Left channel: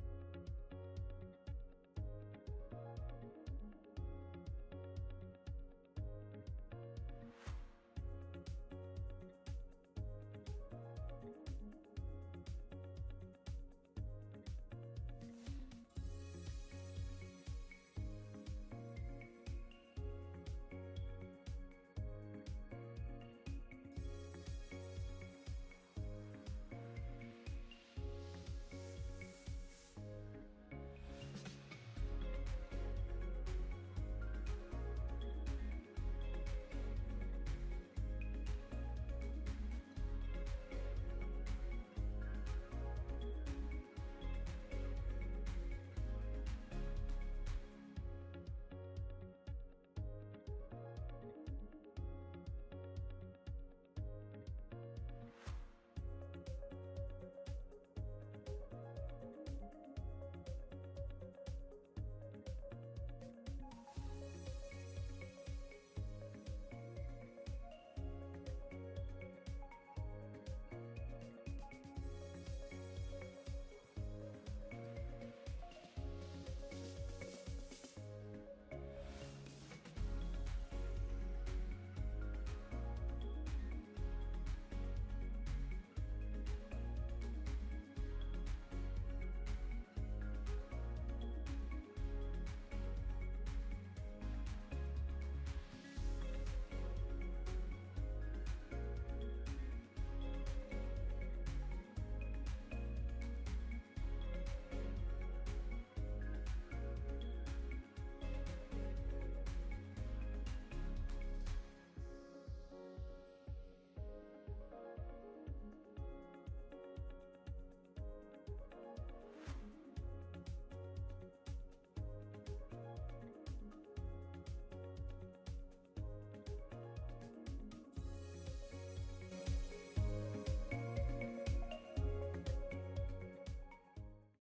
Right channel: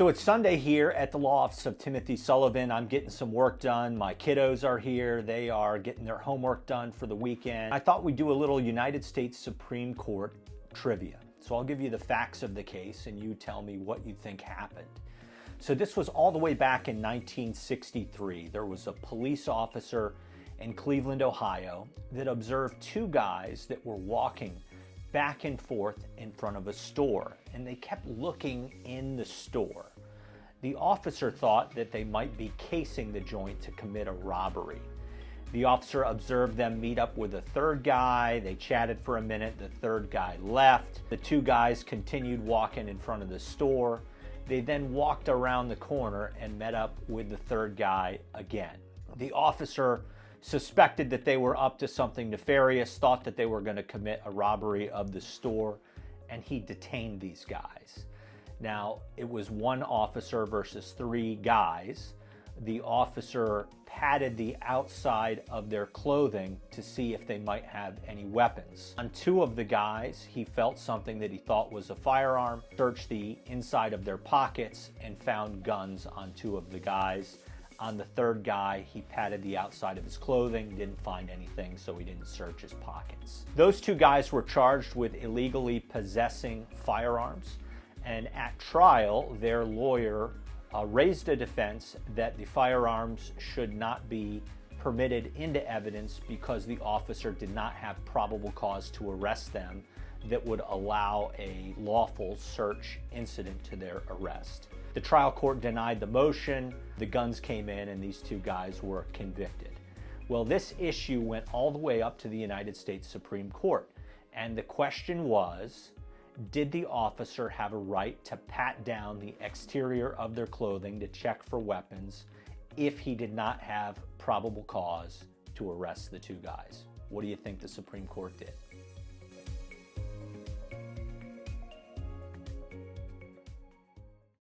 So it's Sunday here at the law office of Timothy Sullivan. I'm getting some work done. My kiddos are here. They are getting their homework done for the weekend. I thought we'd do a little United States Supreme Court trivia. So I'll give you the facts of the case and you tell me what you think happened. So this was all the way back in 1963. There was a police officer in Cleveland, Ohio, that observed two guys that were walking back and forth in front of a store, and they kept looking in the store. The officer thought that they might be casing the joint to commit a robbery. The officer observed them meet up with a third guy. They chatted for a minute. The third guy left. The two guys continued walking in front of the store. They then walked around the corner and met up with the third guy again. The officer suspected that they were up to something nefarious, thought that they were going to commit a robbery of the store, and he detained these guys. Now, it was one officer versus three guys. The officer patted the outside of their clothing to see if they might have any weapons. On two of the guys, he felt something that he thought was a firearm, searched the inside of their pockets, and found guns on two of the guys. On the third guy, he patted the outside of his clothing, didn't find anything, so he didn't search his pockets. Those two guys were charged with illegally possessing firearms, and at trial, their lawyer raised a defense that the firearms should not be permitted into evidence because the officer did not have probable cause to arrest them that would allow a lawful search incident to their arrest. The trial court denied the motion, the guns came in, and these two guys were convicted. Well, this issue went all the way up to the United States Supreme Court, and the question was, did the officer have a right to pat down the exterior of their clothing to check for weapons if he did not have probable cause to arrest the two guys? What do you think the Supreme Court did?